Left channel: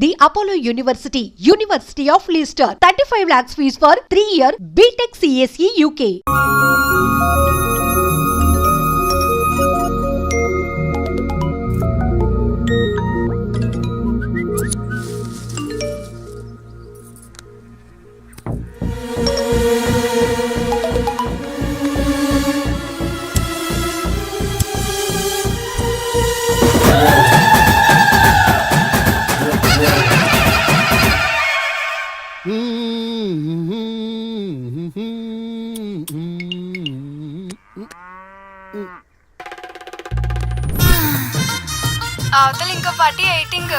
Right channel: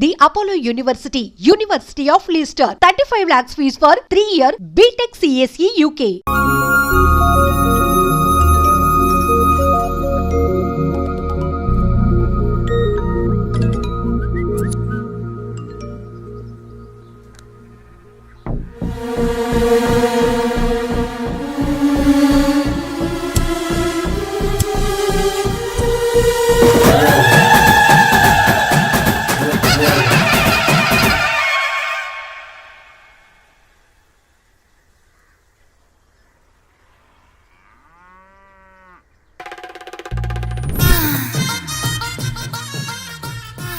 The Apollo University, University of Leicester. 35 lakhs fees for 3 year BTech CSE UK. అవతల ఇంకో party ఎయిటింగ్.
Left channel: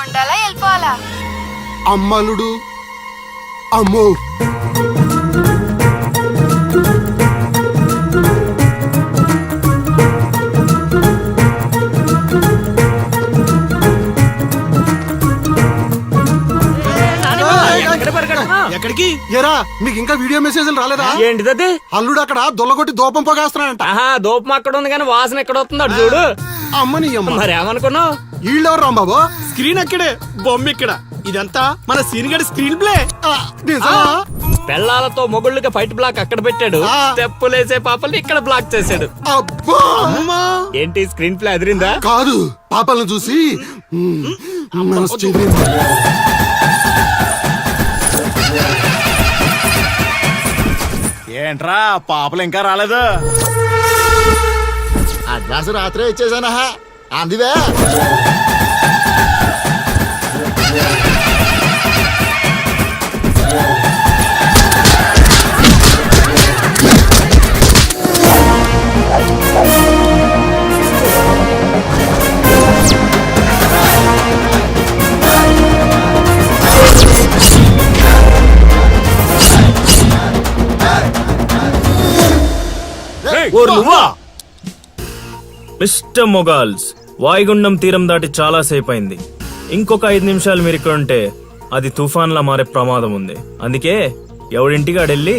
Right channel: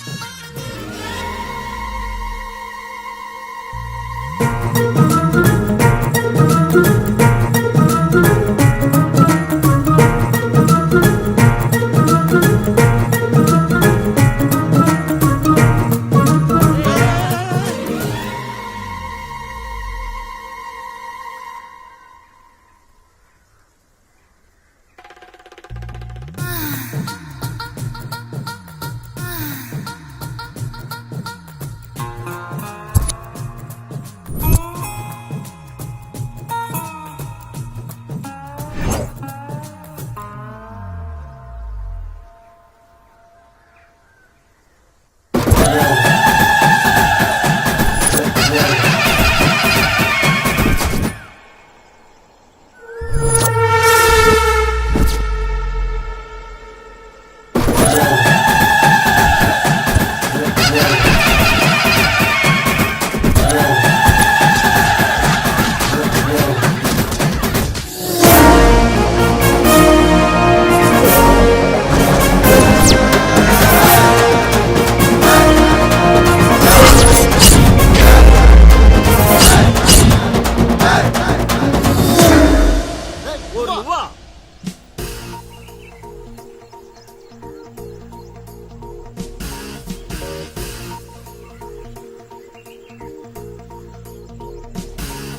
ఉండాలా వెళ్ళిపోవాలా? అమ్మలుడు అమ్మో. ఇంకా వీడియో మెసేజ్లు రాలేదా? ఏంటిదది అల్లుడు అక్కడ దొల్లగొట్టి దూపం పొగేస్తున్నాడంట. ఆహా దూపం అక్కడ ఉంది కానీ వాసన ఎక్కడ వస్తుంది అటు చూడు. అమ్మని అమ్మ. మరి ఏమనుకున్నావు? వీళ్ళెవరు రాంబాబు? స్క్రీన్ అక్కడే బొమ్మ ఇక్కడ. ఇదంతా మన సీన్ గడి స్క్రీన్ ప్లే? పెళ్ళాలతో మొగుళ్ళుగా ఫైట్ బ్లాక్ అక్కడ పెట్టాడు. ఆ. తెప్పులేసే పాపల్ని ఇక్కడ బ్లాక్ చేశాడు. అబ్బా! ఏంటి స్క్రీన్ ప్లే అదిరిందా? కాదు పాపలను చూసి మనసు ఏంట్రా పాపలు ఇంకా రాలేదు అడ్వాన్స్ రాత్రే ఇచ్చేసానా అందివే Yeah. మిస్టర్ మొగాల్స్ వాయుగుండం తీరం దాటి చాలా సేపు అయింది ఇంకొక ఐదు నిమిషాలు మీరు ఇక్కడ ఉంటే అది తుఫాన్లా మారే ప్రమాదం ఉంది అందుకే ఎవడింటికి ఆడెళ్ళి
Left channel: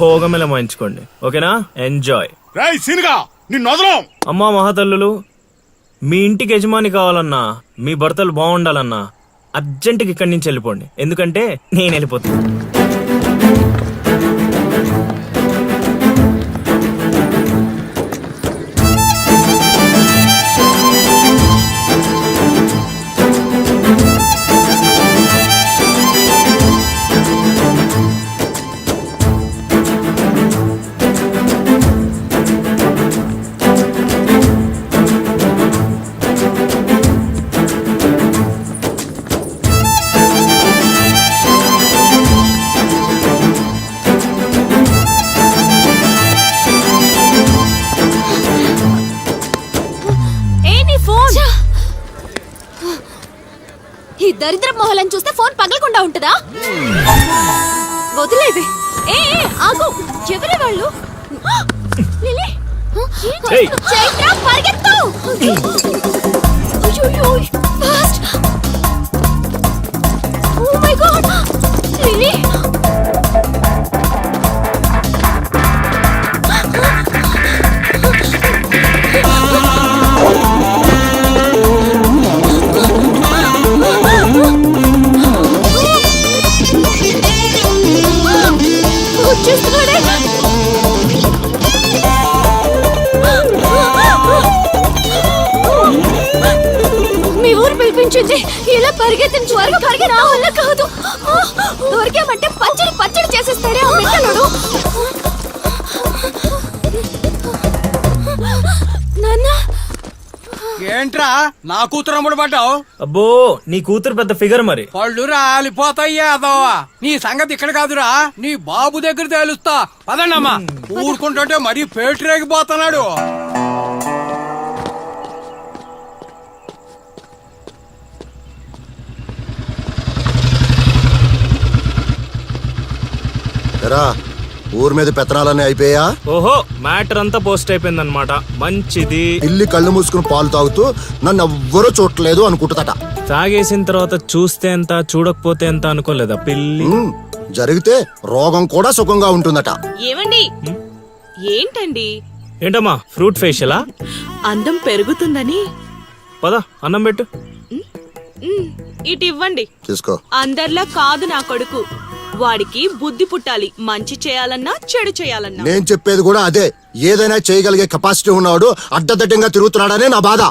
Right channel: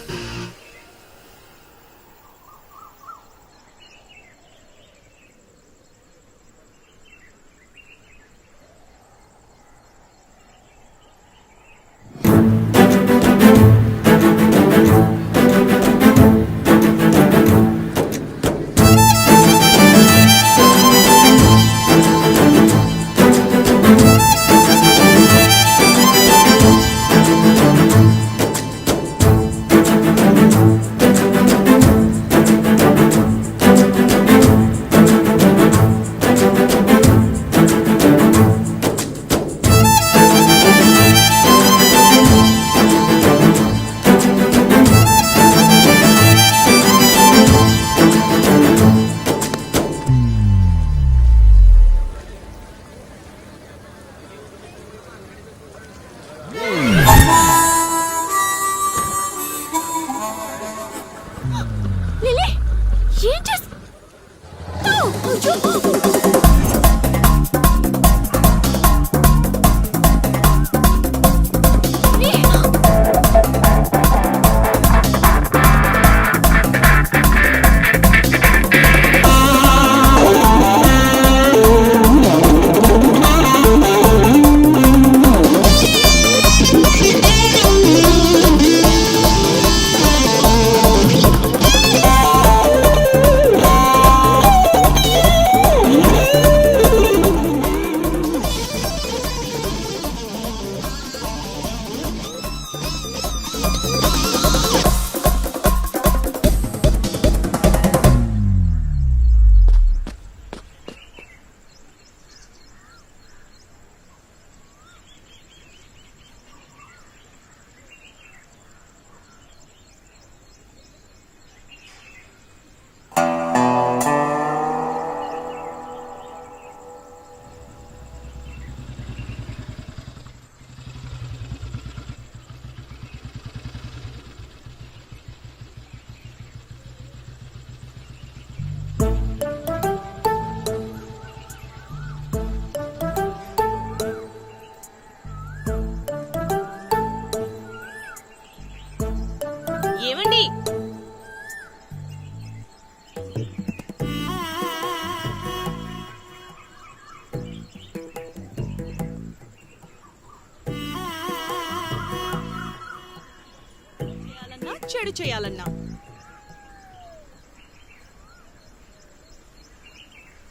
భోగమెల మాయించుకోండి. ఓకేనా? ఎంజాయ్. అమ్మా మహాతల్లులు మీ ఇంటికి యజమాని కావాలన్నా మీ భర్తలు బాగుండాలన్నా అర్జెంటుకి ఇక్కడి నుంచి వెళ్ళిపోండి. ఎందుకంటే నేను వెళ్ళిపోతాను ఏంట్రా? నా కూతురు అమ్ముడు పడ్డావు? అబ్బో నీ కూతురు పెద్ద ఫిగర్ మరి. పళ్ళు రాలిపోతాయ్యా అదోవా నీ సంగతి ఇక్కడ కాదురా. నీ బాబు దగ్గర తేలుస్తా. పదండమ్మా ఊరుకుంటుంటే మరీ పేటరేగిపోతున్నాడు ఎరా ఊరి మీద పెత్తనాలన్నీ అయిపోయా? ఓహో మ్యాటర్ అంతా పోస్ట్ అయిపోయిందన్నమాట. మంచిది. ఇల్లి కళ్ళు మూసుకుని పాలు తాగుతూ నన్ను ఎవ్వరూ చూడలేదు అనుకుంటుందట. తాగేసిన తర్వాత చూస్తే ఎంత చూడకపోతే ఎంత అనుకోలేదా పిల్లి? ఉమ్, జరిగితే రోగం కూడా సుఖంగా ఉంటుందట. ఏమండి? ఏంటండి? ఏంటమ్మా ఫ్రూట్ ఫేషియలా? అందం పెరుగుతుందని. పద అన్నం పెట్టు. ఇటు ఇవ్వండి. తీసుకో. అందరిలా కాదు నా కొడుకు. వాడికి బుద్ధి పుట్టాలి. మంచి చేయాలన్నా చెడు చేయాలన్నా. నేను చెప్పేది కూడా అదే. ఏదైనా చేయగలిగే కెపాసిటీ ఉన్నవాడు అడ్డదడ్డంగా తిరుగుతున్నాడనే నా బాధ.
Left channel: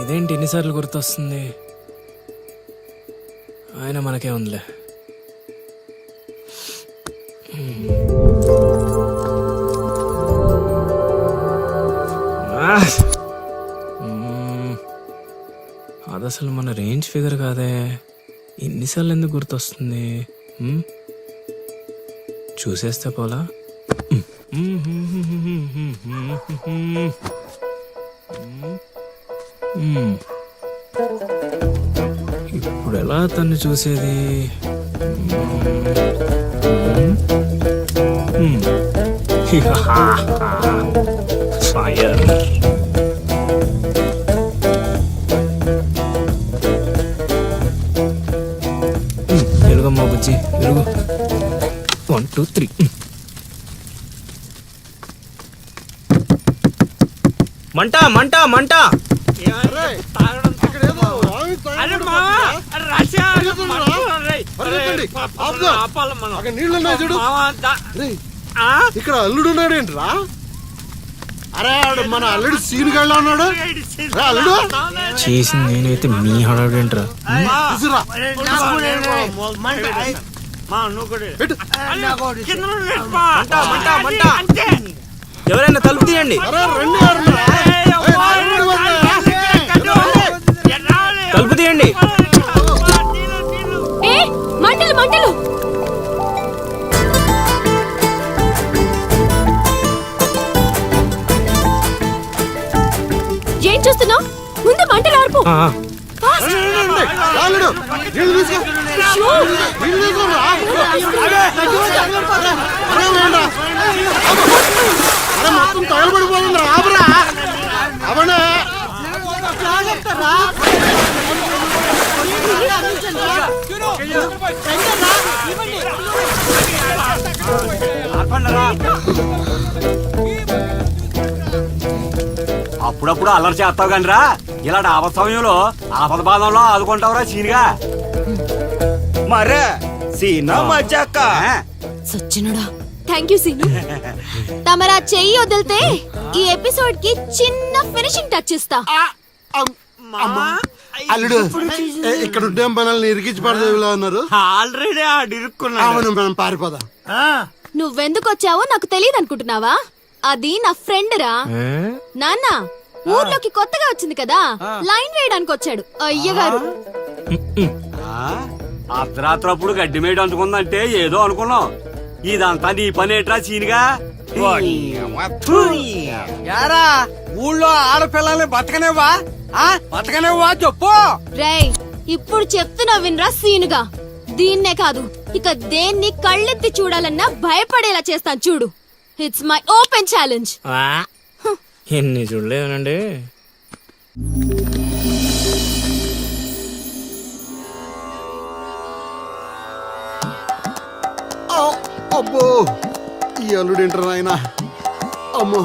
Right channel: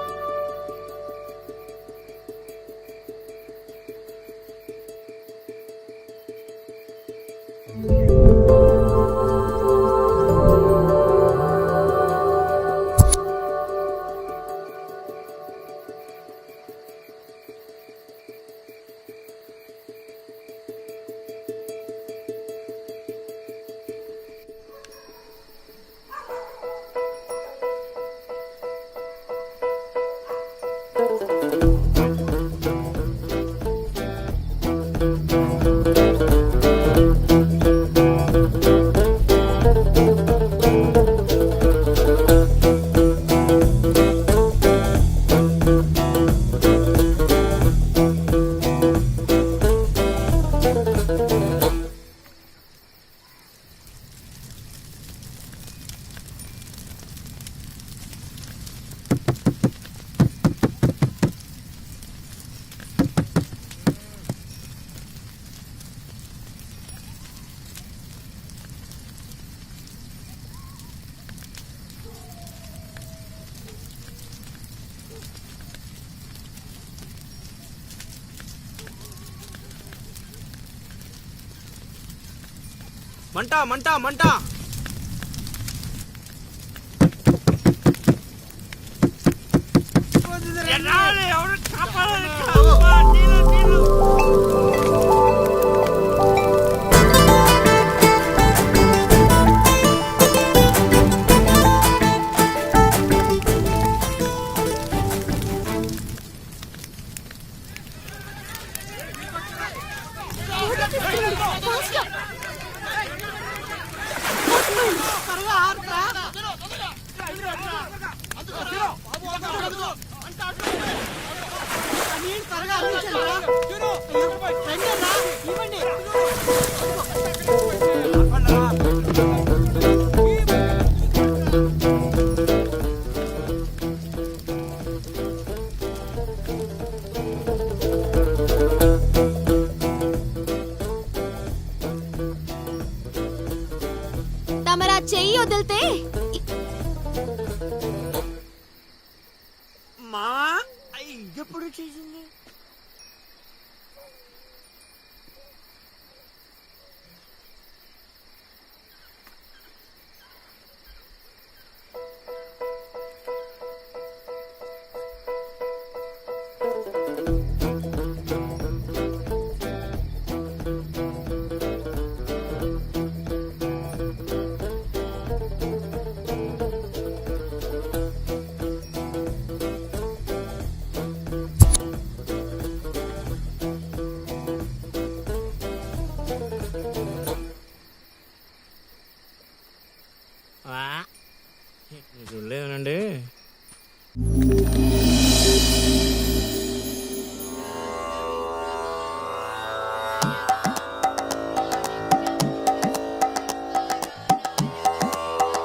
ఇదేంటి ఎన్నిసార్లు గుర్తొస్తుంది? ఆయన మనకే ఉందిలే. అసలు మన రేంజ్ ఫిగర్ కాదే. ఎన్నిసార్లు ఎందుకు గుర్తొస్తుంది? చూసేస్తే పోలా? ఇప్పుడు ఎలా తను చూసేది? మ్మ్. టూ త్రీ మంట మంట. మంట అరే అరే అరే, అరే? ఇక్కడ అల్లుడు ఉన్నాడేంట్రా అరే ఆడు మన అల్లుడు సీన్ గళ్ళ ఉన్నాడు? అల్లుడు. చేసింది నేనైతే మీ హడావిడేంట్రా? తీసురా. మంట మంట. మంట ఎవరైనా తలుపు తీయండి. అరే రండి అప్పుడప్పుడు అల్లరి చేస్తావు కానీ రా ఇలాంటి ఆపద సమయంలో ఆపద బాధంలో ఆదుకుంటావురా సీనిగా మరే సీనా మజాక. సచ్చినుడా థ్యాంక్ యూ సీను. తమరా చెయ్యి వదిలితే ఈ ఎపిసోడ్కి చిన్న ఫినిషింగ్ టచ్ ఇస్తా. అల్లుడు ఇక్కడ ఉంటే మనల్ని ఇరికించి పడదేవిలా ఉన్నారు. ఆల్రెడీ అవును మనం పారిపోదాం. నువ్వెందుకు వచ్చావో నాకు తెలియదు అనుకుంటున్నావా అది నా ఫ్రెండ్ రా? నాన్న ఊర్లోకి కొత్తగా వచ్చింది కదా లైన్ వేయడానికి వచ్చాడు. అయ్యగారు. అర్ధరాత్రప్పుడు గడ్డి మేడ అందుకుందంటే ఏదో అనుకున్నాం. ఇదంతా నీ పని ఏట్రా సీనిగా యారా ఊళ్ళో ఆడపిల్లల్ని బతకనేవా ఆ బతకనేవా చెప్పు. రేయ్ ఇప్పుడు చెప్తున్నా వినరా సీనుగా? దీన్నే కాదు ఇక దేన్ని కళ్ళెత్తి చూడాలన్నా భయపడేలా చేస్తాను చూడు. It's my open challenge. ఎన్ని చూడలేదనండి అబ్బో ఈ అల్లుడు ఏంటారు ఆయన అమ్మో.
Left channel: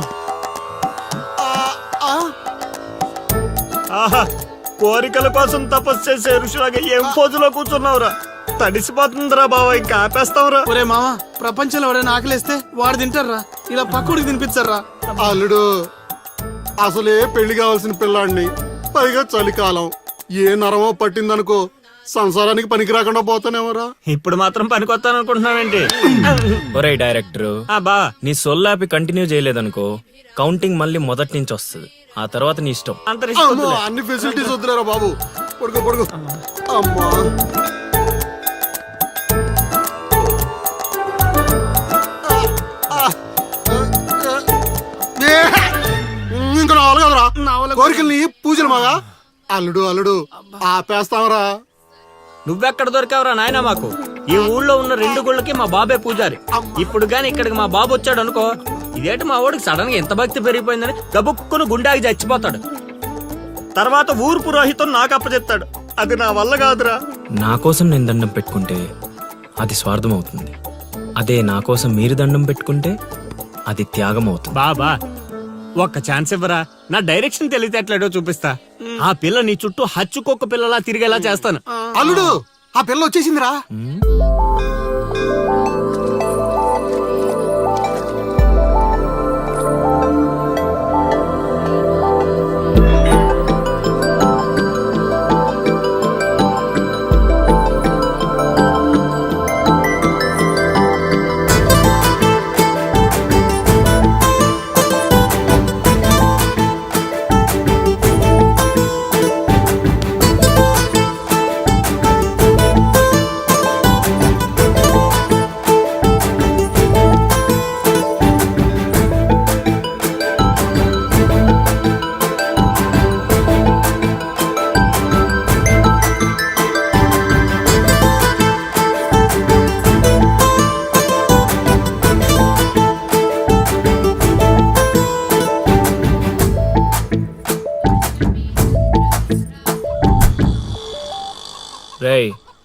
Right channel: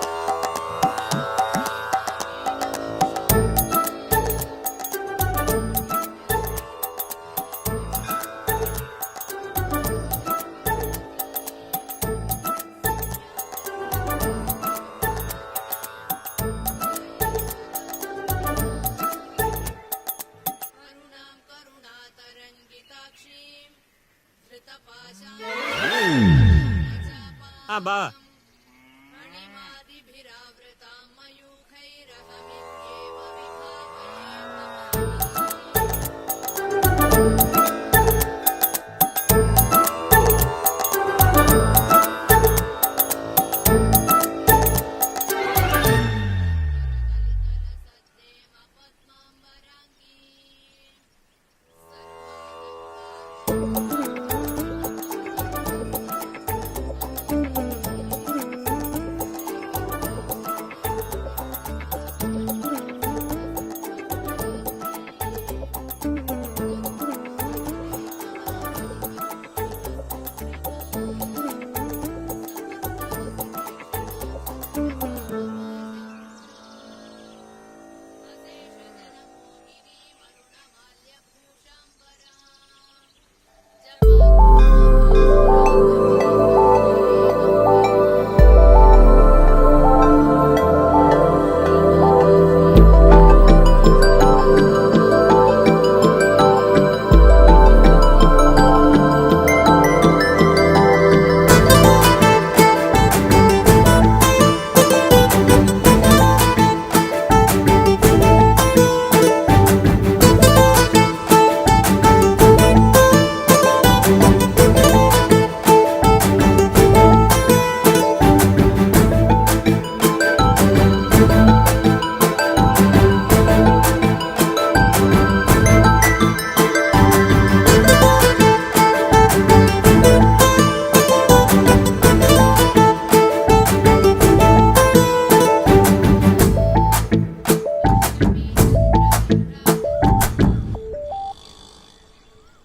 ఆహా కోరికల కోసం తపస్సు చేసే ఋషులాగా ఏం పోజులో కూర్చున్నావురా? తడిసిపోతుందిరా బావ ఇంకా ఆపేస్తావురా ఒరే మామ ప్రపంచంలో ఎవరైనా ఆకలేస్తే వాడు తింటారా ఇలా పక్కడికి తినిపించారా అల్లుడు అసలే పెళ్ళి కావాల్సిన పిల్లాడిని. పైగా చలికాలం. ఏ నరమో పట్టిందనుకో సంసారానికి పనికి రాకుండా పోతానేమరా. ఇప్పుడు మాత్రం పనికొత్తాను అనుకుంటున్నావేంటి ఒరే డైరెక్టర్. ఆ బా నీ సొల్లాపి కంటిన్యూ చేయలేదనుకో కౌంటింగ్ మళ్ళీ మొదటి నుంచి వస్తుంది. ఆ తర్వాత నీ ఇష్టం. అమ్మో అన్ని ఫెసిలిటీస్ వద్దురా బాబు. కొడుకు కొడుకు. కోరికల్ని పూజలు మగా అల్లుడు అల్లుడు ఆపేస్తావరా? నువ్వెక్కడ దొరికావురా నాయనా మాకు? ఈ ఊళ్ళో ఉన్న రెండు గుళ్ళకి మా బాబే పూజారి. ఇప్పుడు గాని ఇక్కడికి మా బాబు వచ్చాడు అనుకో ఇదేంటి మా వాడికి సడన్గా ఎంత భక్తి పెరిగిపోయిందని గబుక్కును గుండాకి చచ్చిపోతాడు. తర్వాత ఊరు పురోహితం నాకు అప్పచెప్తాడు. అది నా వల్ల కాదురా. నా కోసం నేను దండం పెట్టుకుంటే అది స్వార్థం అవుతుంది అదే నా కోసం మీరు దండం పెట్టుకుంటే అది త్యాగం అవుతుంది బాబా ఒక్క ఛాన్స్ ఇవ్వరా? నా డైరెక్షన్ తెలివితేటలేడో చూపిస్తా. ఆ పిల్ల నీ చుట్టూ హచ్చుకొక్క పిల్లలా తిరిగేలా చేస్తాను. అల్లుడు ఆ పిల్ల వచ్చేసిందిరా.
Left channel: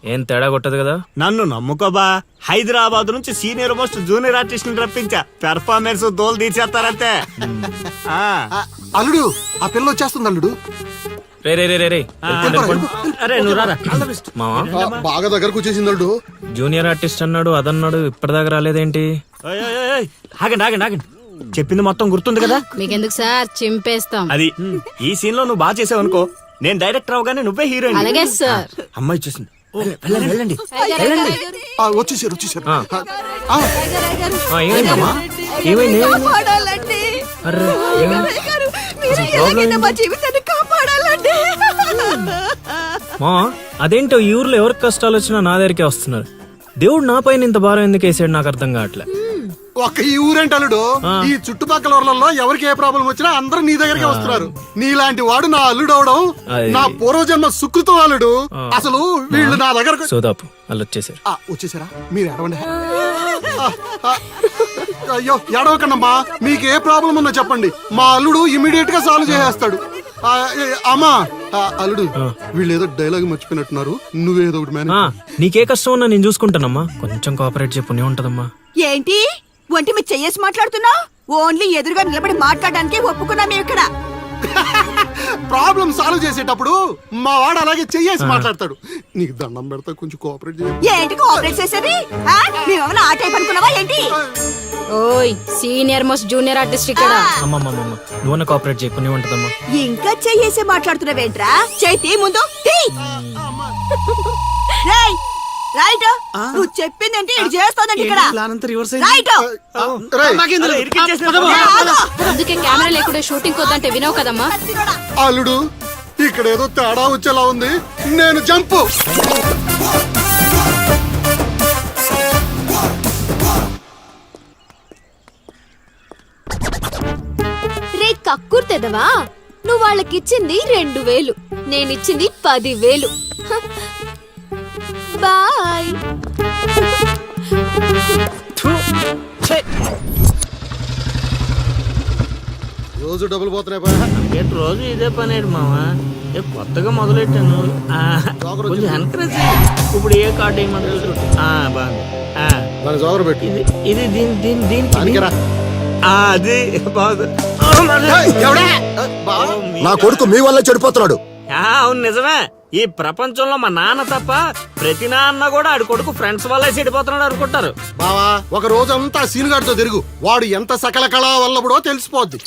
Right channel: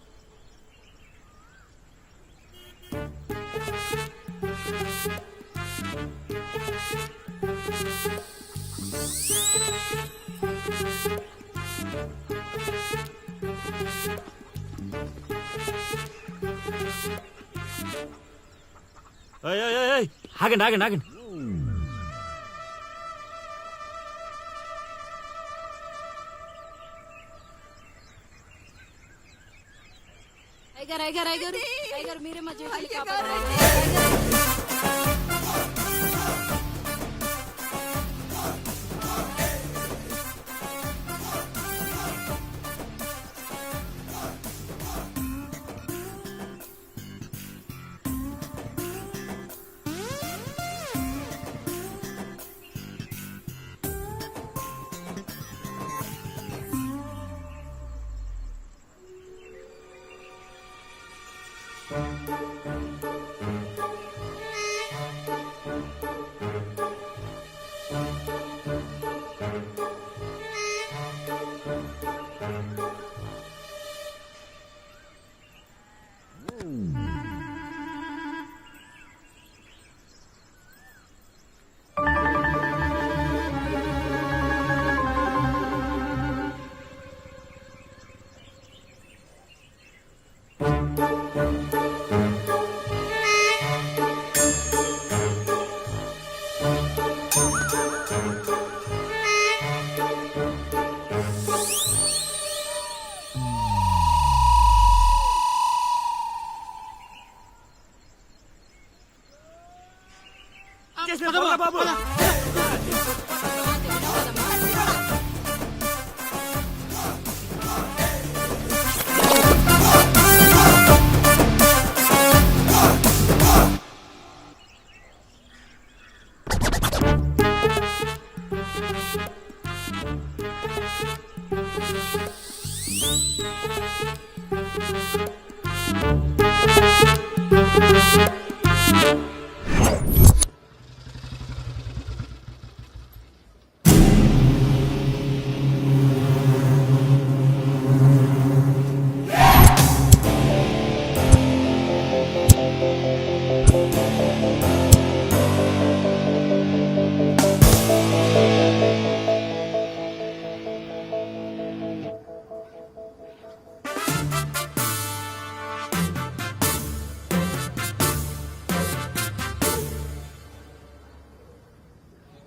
ఏం తేడా కొట్టదు కదా? నన్ను నమ్ముకోబా హైదరాబాద్ నుంచి సీనియర్ మోస్ట్ జూనియర్ ఆర్టిస్ట్ రప్పించా. పెర్ఫార్మెన్స్ దోలు. ఆ, అల్లుడు ఆ పిల్ల వచ్చేస్తుంది అల్లుడు. రే రే రే రే రే. వెళ్ళిపోండి, వెళ్ళిపోండి. అరే నువ్వు రారా? మావా? ఆ, బాగా దగ్గరకు వచ్చేసింది అల్లుడు. జూనియర్ ఆర్టిస్ట్ అన్నాడు అదన్నాడు ఇప్పటిదాకా రాలేదేంటి? ఓయ్, ఓయ్, ఓయ్, ఓయ్. ఆగండి ఆగండి ఆగండి. చెప్పింది మొత్తం గుర్తుంది కదా? మీకెందుకు సార్? చింపేస్తాం. అది ఈ సీన్లో నువ్వు బాగా చేసావు అనుకో నేను డైరెక్టర్ అవగానే నువ్వే హీరోయిన్. అలాగే సార్. అమ్మాయి చూసింది వెళ్ళండి. వచ్చేసారు వచ్చేసారు. ఆ. ఆ, ఏమైందమ్మా ఏమైంది? మా అదేంటో ఈ ఊర్లో ఎవరికి కష్టాలు వచ్చినా నా దగ్గరికే వస్తున్నారు. దేవుడు నా పైన ఇంత భారం ఎందుకు వేసాడు నాకు అర్థం కావట్లే. ఒక్క ఈ ఊరేంటి అల్లుడు? ఈ చుట్టుపక్కల ఊర్లలో ఎవరికి ఏ ప్రాబ్లం వచ్చినా అందరూ నీ దగ్గరికి వస్తున్నారు. నీలాంటి వాడు నా అల్లుడు అవడం నా పూర్వజన్మ సుకృతం అల్లుడు. అసలు వీళ్ళు నా దగ్గరకు సోదాపు వాళ్ళు వచ్చేసారు ఆ, వచ్చేసారా? మీరు ఎడవండి అయ్యో ఎడవకండమ్మా మీకు ఏ ప్రాబ్లం ఉన్నా చెప్పండి. మా అల్లుడు ఇమీడియట్గా సాల్వ్ చేసేస్తాడు. అమ్మా. ఆ, అల్లుడు వీళ్ళు ఏదో డైలాగ్ మర్చిపోయినట్టున్నారు. నువ్వేదో ఒకటి మేనేజ్ నీకే కష్టం ఉన్నా నేను చూసుకుంటానమ్మా. కొంచెం కోఆపరేట్ చెప్పు ఉంటదమ్మా. ఏంటి? ఒంటి మీద చెయ్యేసి మాట్లాడుతున్నా? ఓన్లీ ఎదురుగా నిలబడి మాట్లాడడానికి ఒప్పుకున్నా ఇక్కడ. ప్రాబ్లం సాల్వ్ చేసేటప్పుడు మా వాడు అలాగే చెయ్యేసి మాట్లాడతాడు. నీకు దండం పెడతా కొంచెం కోఆపరేట్ చేయి. ఏంటి కోఆపరేట్ చేసేది? ఆ? మేమేమైనా ఆ టైప్ అనుకున్నావా ఏంటి? ఓయ్ సీనియర్ మోస్ట్ జూనియర్ ఆర్టిస్ట్ ఇక్కడ. కోఆపరేట్ ఉంటదమ్మా. ఇంకా చెయ్యేసి మాట్లాడుతున్నావేంట్రా? చేతి ముందు. రేయ్, రైట్ నువ్వు చెప్పిందంటే? ఇది చేస్తోందండి ఇక్కడ? ప్లాన్ అంతా రివర్స్ రైట్ అందుకే కెమెరా లేకుండా షూటింగ్ వద్దంటే వినవు కదమ్మా. అల్లుడు ఇక్కడ ఏదో తేడా వచ్చేలా ఉంది. నేను జంపు. రే కక్కుర్తెదవా నువ్వు వాళ్ళకిచ్చింది రెండు వేలు. నేనిచ్చింది పది వేలు బాయ్ రోజు డబ్బులు పోతున్నాయి పైన. రోజు ఇదే పని మావా? నేను కొత్తగా మొదలెట్టాను? ఆ, కొంచెం encourage ఇప్పుడు ఏ కార్డు వేయమంటారు జోగరు పెట్టు. ఇది దీని దీని దీని పనికిరా. ఆ, అది బాగుంది. నా కొడుకు మీ వల్ల చెడిపోతున్నాడు. ఆ, అవును నిజమే. ఈ ప్రపంచంలో మా నాన్న తప్ప ప్రతి నాన్న కూడా ఆడి కొడుకు ఫ్రెండ్స్ వల్లే చెడిపోతున్నాడు అనుకుంటారు. బావా ఒక రోజంతా సీనుగాడితో తిరుగు. వాడు ఎంత సకల కళా వల్లబడో తెలిసిపోద్ది.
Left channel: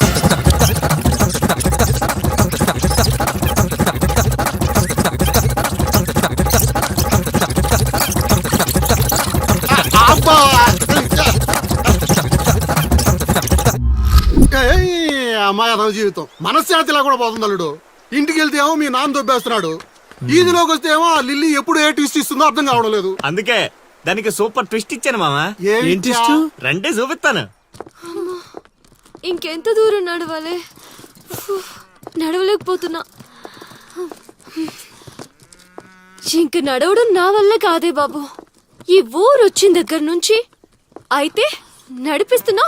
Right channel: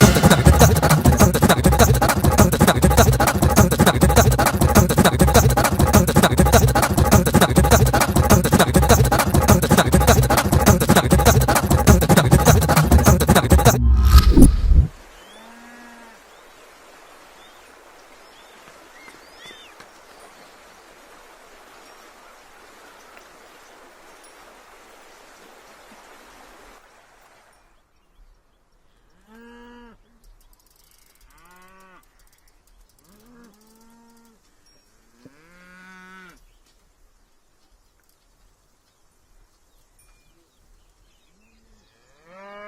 అబ్బా! ఏయ్, అమ్మాయి అదవ జీవితం. మనశ్శాంతిలా కూడా పోతుంది అల్లుడు ఇంటికి వెళ్తే ఏమో మీ నాన్న దొబ్బేస్తున్నాడు. ఈదిలోకి వస్తే ఏమో ఆ లిల్లీ ఎప్పుడు ఏ ట్విస్ట్ ఇస్తుందో అర్థం కావడం లేదు. అందుకే దానికి సూపర్ ట్విస్ట్ ఇచ్చాను మామా. ఏంటి రండి చూపిస్తాను. ఇంకెంత దూరం నడవాలి? ఫు, నడవలేకపోతున్నా. ఇంక నడవడం నా వల్ల కాదే బాబు. ఈ ఊరు వచ్చిన దగ్గర నుంచి అయితే నడిపిస్తున్నా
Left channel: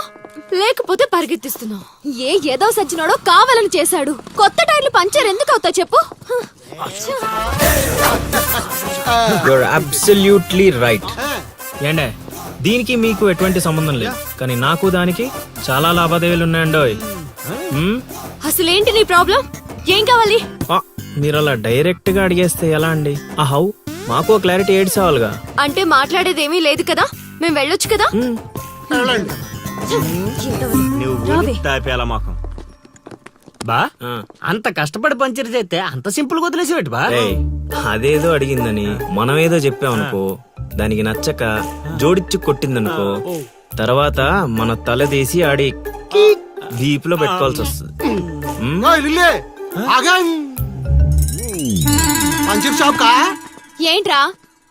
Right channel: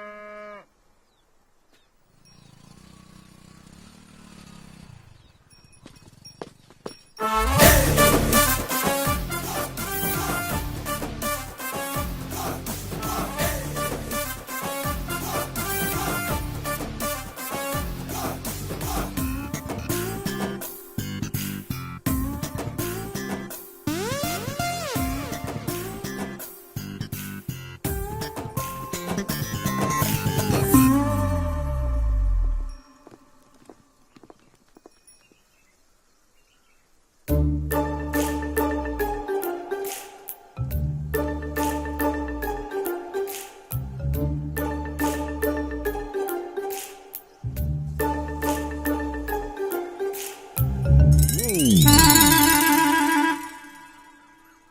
లేకపోతే పరిగెత్తిస్తున్నావు ఏ ఏదో సచ్చినాడో కావాలని చేశాడు. కొత్త టైర్లు పంచర్ ఎందుకు అవుతా చెప్పు? అబ్సల్యూట్లీ రైట్ ఏండే? దీనికి మీకు ఎటువంటి సంబంధం లేదు. కానీ నాకు దానికి చాలా లావాదేవీలు ఉన్నాయండోయ్. మ్మ్? అసలేంటి నీ ప్రాబ్లం? ఏం కావాలి? ఆ, మీరు అలా డైరెక్ట్గా అడిగేస్తే ఎలా అండి? ఆ హౌ మాకు క్లారిటీ ఏడ్స్ కావాలిగా అంటే మాట్లాడేదేమీ లేదు కదా? మేము వెళ్ళొచ్చు కదా. తాపేలా మాకు. బా. అంత కష్టపడి పంచర్ చేస్తే అంత సింపుల్గా వదిలేసేవాటి బా? అదేదో అడిగిందని మనం ఏదో చెప్పామనుకో దానికి నచ్చక జోడిచ్చి కొట్టిందనుకో తర్వాత మన తల తీసి ఆడి దీపులో పెట్టుకోవాల్సి వస్తుంది. ఏంట్రా?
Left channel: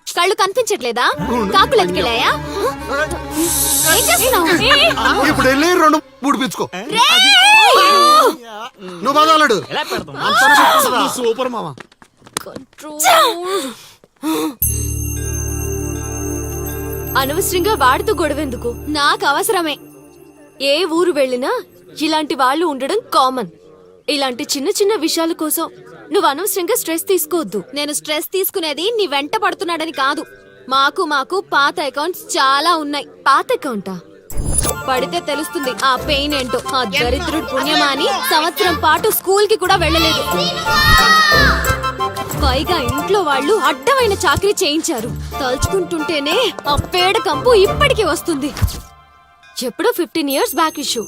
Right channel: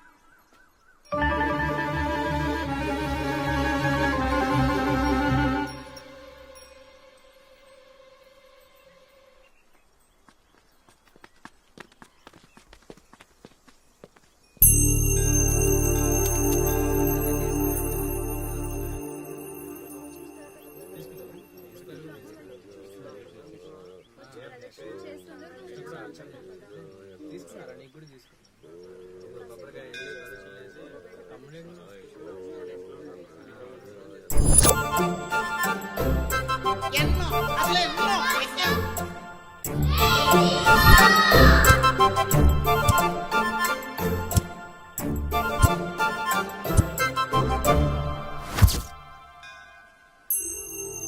కళ్ళు కనిపించట్లేదా? కాకులు ఎత్తుకెళ్ళాయా! ఇప్పుడు వెళ్ళి రెండు పుడిపించుకో! నువ్వు పెడతాం సూపర్ మామ. అనవసరంగా వాడితో గొడవెందుకు? నాకు అవసరమే. ఏ ఊరు వెళ్ళినా ఇలాంటి వాళ్ళు ఉండడం కామన్. ఇలాంటి చిన్న చిన్న విషయాల కోసం నువ్వు అనవసరంగా స్ట్రెస్ తీసుకోవద్దు. నేను స్ట్రెస్ తీసుకునేది నీ వెంట పడుతున్నాడని కాదు. మాకు మాకు పాత అకౌంట్స్ చాలా ఉన్నాయి. పాత అకౌంటా? పడితే తెలుస్తుంది ఆ పెయిన్ ఏంటో. ఆ దరిద్రుడు పుణ్యమా అని సంవత్సరం పాటు స్కూల్కి కూడా వెళ్ళలేదు. పైగా ఇంట్లో వాళ్ళు అడ్డమైన చాకరీ చేయించారు. తలుచుకుంటుంటేనే ఆ పేడ కంపు ఇప్పటికీ వస్తుంది. ఎప్పుడో fifteen years back issue.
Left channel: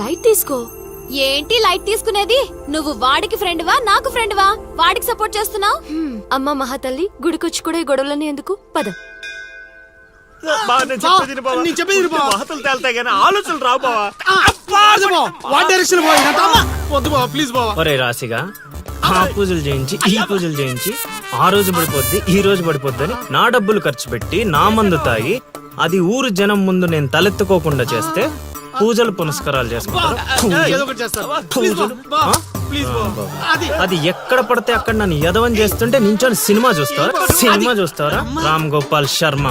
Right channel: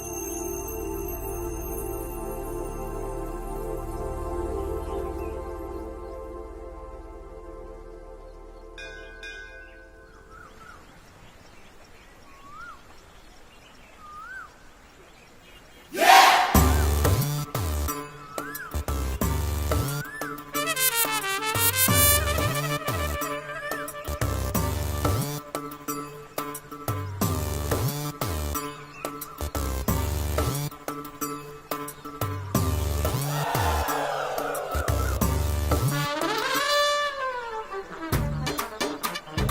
Light తీసుకో. ఏంటి లైట్ తీసుకునేది? నువ్వు వాడికి ఫ్రెండ్ వా నాకు ఫ్రెండ్ వా వాడికి సపోర్ట్ చేస్తున్నావు? అమ్మ మహాతల్లి గుడికొచ్చి కూడా ఈ గొడవలని ఎందుకు? పద. నేను చెప్పేది తేలుతాయి కానీ ఆలోచనలు రావు బావా. వాట్ డైరెక్షన్ వద్దు బావ ప్లీజ్ బావ. ఒరే రాశిగా ఆ పూజలు చేయించి ఈ పూజలు చేయించి ఆ రోజు పడిపోద్ది ఈ రోజు పడిపోద్ది అని నా డబ్బులు ఖర్చు పెట్టి నా మందు తాగి అది ఊరు జనం ముందు నేను తలెత్తుకోకుండా చేస్తే పూజలు పునస్కారాలు చేసుకుంటారు? అది. అది ఎక్కడ పడితే అక్కడ నన్ను యదవం చేస్తుంటే నించొని సినిమా చూస్తారా సినిమా చూస్తారా రామ్ గోపాల్ శర్మ.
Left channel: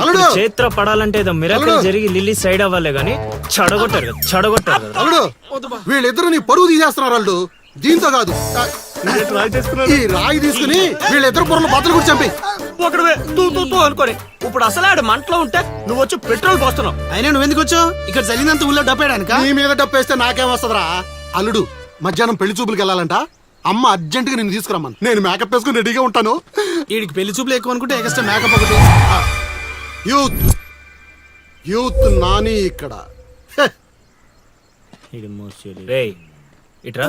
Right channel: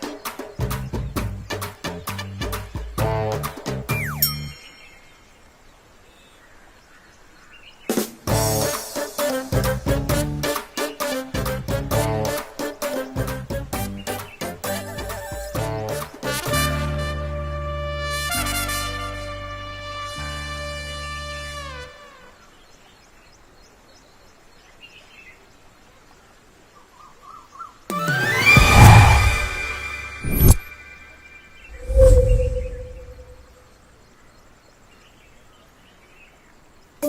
అల్లుడు. చేత్ర పడాలంటే ఏదో మిరాకిల్ జరిగి లిల్లీ సైడ్ అవ్వాలే గానీ చెడగొట్టారు చెడగొట్టారు అల్లుడు వీళ్ళిద్దరు నీ పరువు తీసేస్తున్నారు అల్లుడు. దీంతో కాదు. ఈ రాయి తీసుకుని వీళ్ళిద్దరు పొరలు బద్దలు కూడా చంపి ఒకడు తూ తూ తూ అనుకోని. ఇప్పుడు అసలు ఆడు మంటలో ఉంటే నువ్వు వచ్చి పెట్రోల్ పోస్తున్నావు. అయినా నువ్వు ఎందుకు వచ్చావు? ఇక్కడ జరిగినంత ఊళ్ళో డబ్బేయడానిక? నీ మీద డప్పేస్తే నాకేం వస్తుందిరా? అల్లుడు మధ్యాహ్నం పెళ్ళి చూపులకు వెళ్ళాలంట. అమ్మ అర్జెంట్గా నేను తీసుకురమ్మను. నేను మేకప్ వేసుకుని రెడీగా ఉంటాను. వీడికి పెళ్ళి చూపులు ఎక్కువ అనుకుంటే extra makeup youth. Youth Nani ఇక్కడ. హె, రేయ్ ఇట్రా.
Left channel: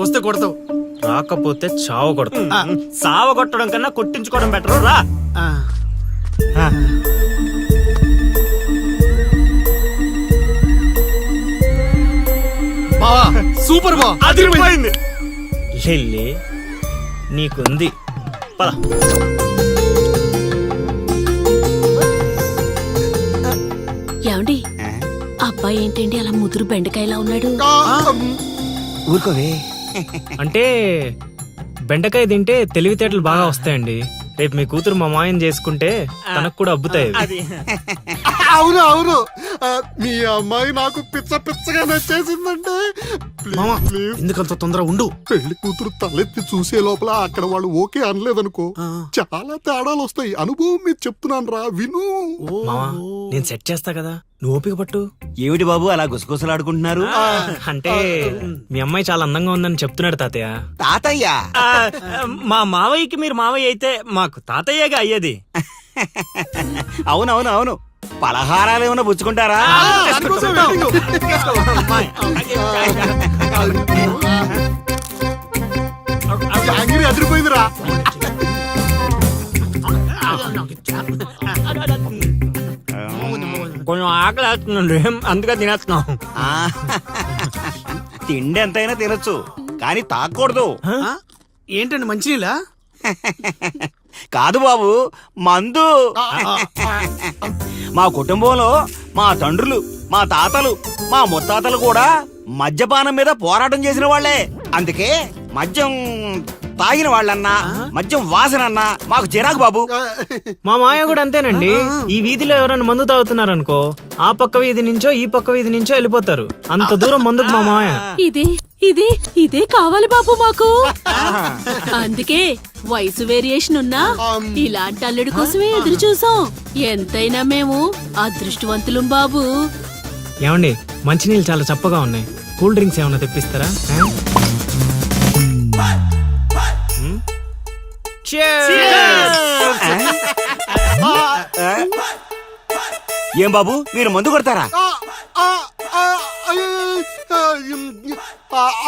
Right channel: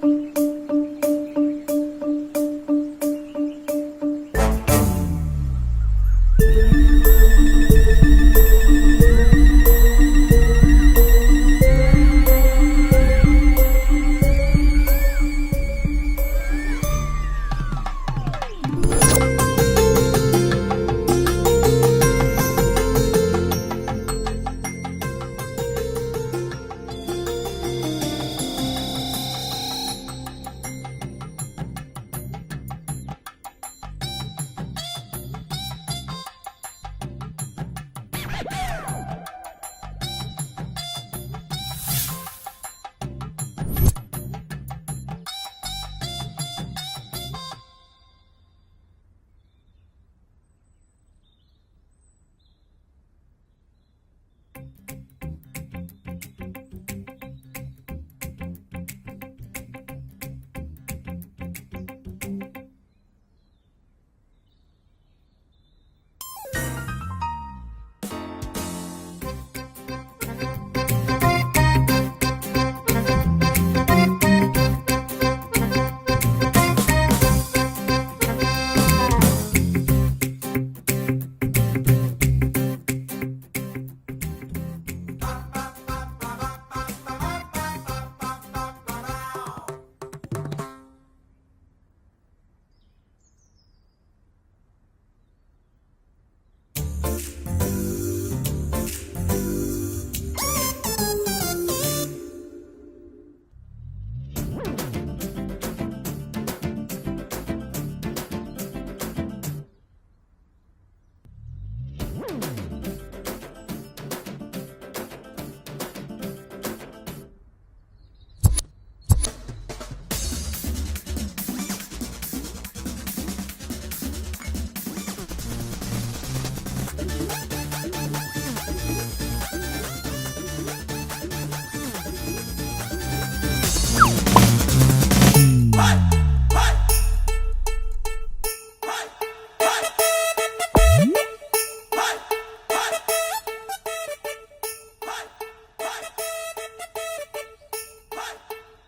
వస్తే కొడతావు. రాకపోతే చావ కొడతా సావ కొట్టడం కన్నా కొట్టించుకోవడం బెటర్ రా. ఏమండి? అబ్బాయి ఏంటండి? అలా ముదురు బెండకాయలా ఉన్నాడు. అంటే బెండకాయ తింటే తెలివితేటలు బాగా వస్తాయండి. రేపు మీ కూతురు మా మాయం చేసుకుంటే తనకు కూడా అబ్బుతాయి అవి. అవును అవును. మీ అమ్మాయి నాకు పిచ్చ పిచ్చగా నచ్చేసిందంటే మామ ప్లీజ్, ప్లీజ్. ఎందుకంత తొందర ఉండు. పెళ్ళి కూతురు తలెత్తి చూసే లోపల అక్కడ వాళ్ళు ఓకే అనలేదనుకో చాలా తేడాలు వస్తాయి. అనుభవం మీద చెప్తున్నాను రా విను. మావా నేను సెట్ చేస్తా కదా నువ్వు ఓపిక పట్టు. ఏమిటి బాబు అలా గుసగుసలాడుకుంటున్నారు? అంటే మీ అమ్మాయి చాలా అందంగా ఉందని చెప్తున్నాడు తాతయ్య. తాతయ్య? మా మావయ్యకి మీరు మావయ్య అయితే మాకు తాతయ్యగా అయ్యేది. అవునవును అవును. పలహారాలు ఏమైనా పుచ్చుకుంటారా? కొంచెం ఆకలి వేస్తుందండి. అందుకే తినేస్తున్నాం. ఆ, తిండి ఎంతైనా తినొచ్చు కానీ తాకూడదు? ఏంటండి మంచినీళ్ళ? కాదు బాబు మందు. మా కుటుంబంలో మా తండ్రులు మా తాతలు మా ముత్తాతలు కూడా మద్యపానం మీద పోరాటం చేసిన వాళ్ళే. అందుకే మద్యం తాగిన వాళ్ళన్నా మద్యం వాసనన్నా మాకు చిరాకు బాబు. మా మాయ కూడా అంతేనండి. ఈ వీధిలో ఎవరైనా మందు తాగుతున్నారనుకో ఆ పక్క వీధి నుంచో ఈ పక్క వీధి నుంచో వెళ్ళిపోతారు. అంత దూరం మందుకు మా మాయ. ఇదే ఇదే ఇదే కావాలి బాబు మాకు. అందుకే వయసు వేరియేషన్ ఉన్నా ఇలాంటి అల్లుడి కోసమే ఎదురు చూసాం. ఎంతైనా మేము అదృష్టవంతులం బాబు. ఏమండి మంచినీళ్ళు చాలా చప్పగా ఉన్నాయి. కూల్ డ్రింక్స్ ఏమైనా తెప్పిస్తారా? ఏం బాబు? మీరు మందు కొడతారా?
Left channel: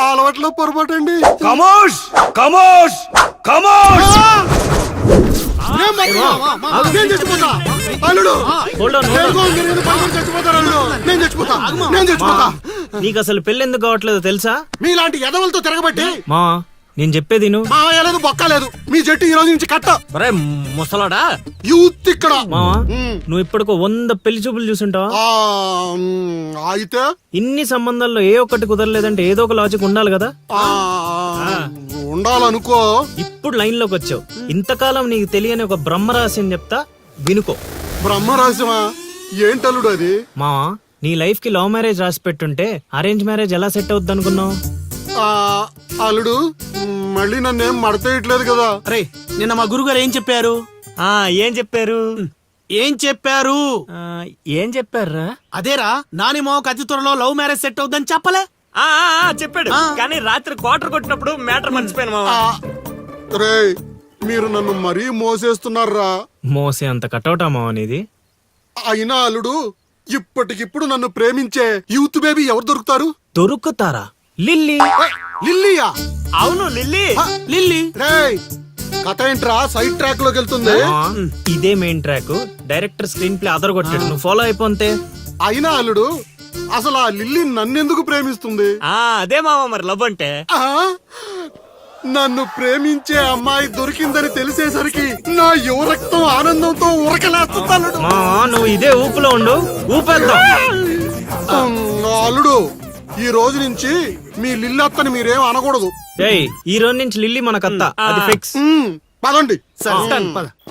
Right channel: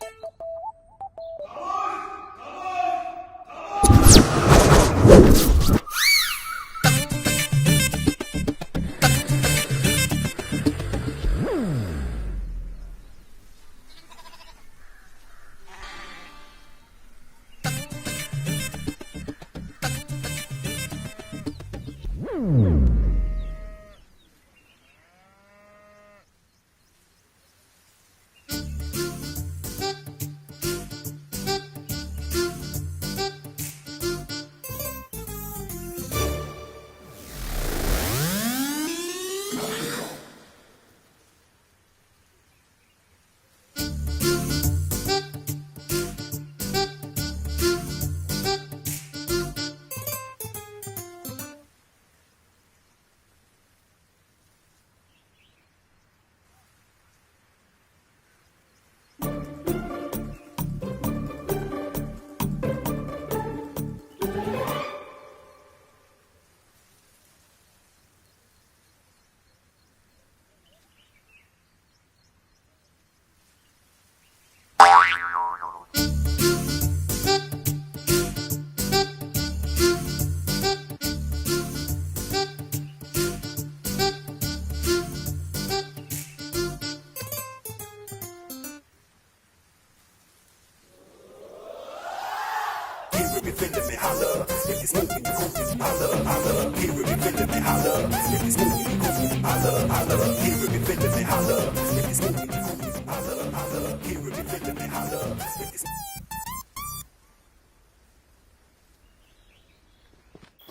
అలవాట్లో పొరపాటు అండి కమోష్! కమోష్! కమోష్ నీకు అసలు పెళ్ళి ఎందుకు కావట్లేదో తెలుసా? మీలాంటి ఎదవలతో తిరగబట్టి మా. నేను చెప్పేది నువ్వు మా లేదు బొక్క లేదు మీ జట్టు ఈ రోజు నుంచి కట్ట. ఒరే ముసలోడా? యూత్ ఇక్కడ. మావా. నువ్వు ఇప్పటికో వంద పెళ్ళి చూపులు చూసుంటావా? ఆ, మ్, అయితే? ఇన్ని సంబంధాల్లో ఏ ఒక్కటి కుదరలేదంటే ఏదో ఒక లాజిక్ ఉండాలి కదా? ఆ, ఉండాలనుకో. ఇప్పుడు లైన్లోకి వచ్చావు. ఇంతకాలం నీకు తెలియని ఒక బ్రహ్మరహస్యం చెప్తా వినుకో. బ్రహ్మరహస్యమా? ఏంటల్లుడు అది? మావా నీ లైఫ్కి లవ్ మ్యారేజ్ రాసి పెట్టుంటే అరేంజ్ మ్యారేజ్ ఎలా సెట్ అవుద్ది అనుకున్నావు? అల్లుడు మళ్ళీ నన్నేం మడతేయట్లేదు కదా. రే నిన్న మా గురుగారు ఏం చెప్పారు? ఆ ఏం చెప్పారు? ఏం చెప్పారు? ఆ, ఏం చెప్పారా అదేరా నాని మావకు అతి త్వరలో లవ్ మ్యారేజ్ సెట్ అవుద్దని చెప్పలే. ఆ, ఆ, ఆ, చెప్పాడు. కానీ రాత్రి క్వార్టర్ కొట్టినప్పుడు మ్యాటర్ మర్చిపోయాను మామ రే మీరు నన్ను మరీ మోసేస్తున్నారా? మోసే అంత కటౌటా మావా నీది? అయినా అల్లుడు ఇప్పటికిప్పుడు నన్ను ప్రేమించే యూత్ బేబీ ఎవరు దొరుకుతారు? దొరుకుతారా? లిల్లీ. లిల్లీయా? అవును లిల్లీ. లిల్లీ. రేయ్ కథ ఏంట్రా? సైడ్ ట్రాక్లోకి వెళ్తుంది ఇదే main track. Director screenplay అదర్ కొట్టాడు నువ్వు ఫాలో అయిపోతే. అయినా అల్లుడు అసలు ఆ లిల్లీ నన్నెందుకు ప్రేమిస్తుంది? ఆ అదే మామ మరి లవ్ అంటే? నన్ను ప్రేమించే అమ్మాయి దొరికిందని తెలిసేసరికి నా యువ రక్తం ఆనందంతో ఉరకలేస్తున్నాడు నువ్వు ఇదే ఊపులో ఉండు. ఊపేద్దాం. అల్లుడు ఈ రోజు నుంచి మీ లిల్లత్తని మీరేం అనకూడదు. ఏయ్ ఈ రోజు నుంచి లిల్లీ మనకత్తా అది ఫిక్స్ పదండి. సరే పద.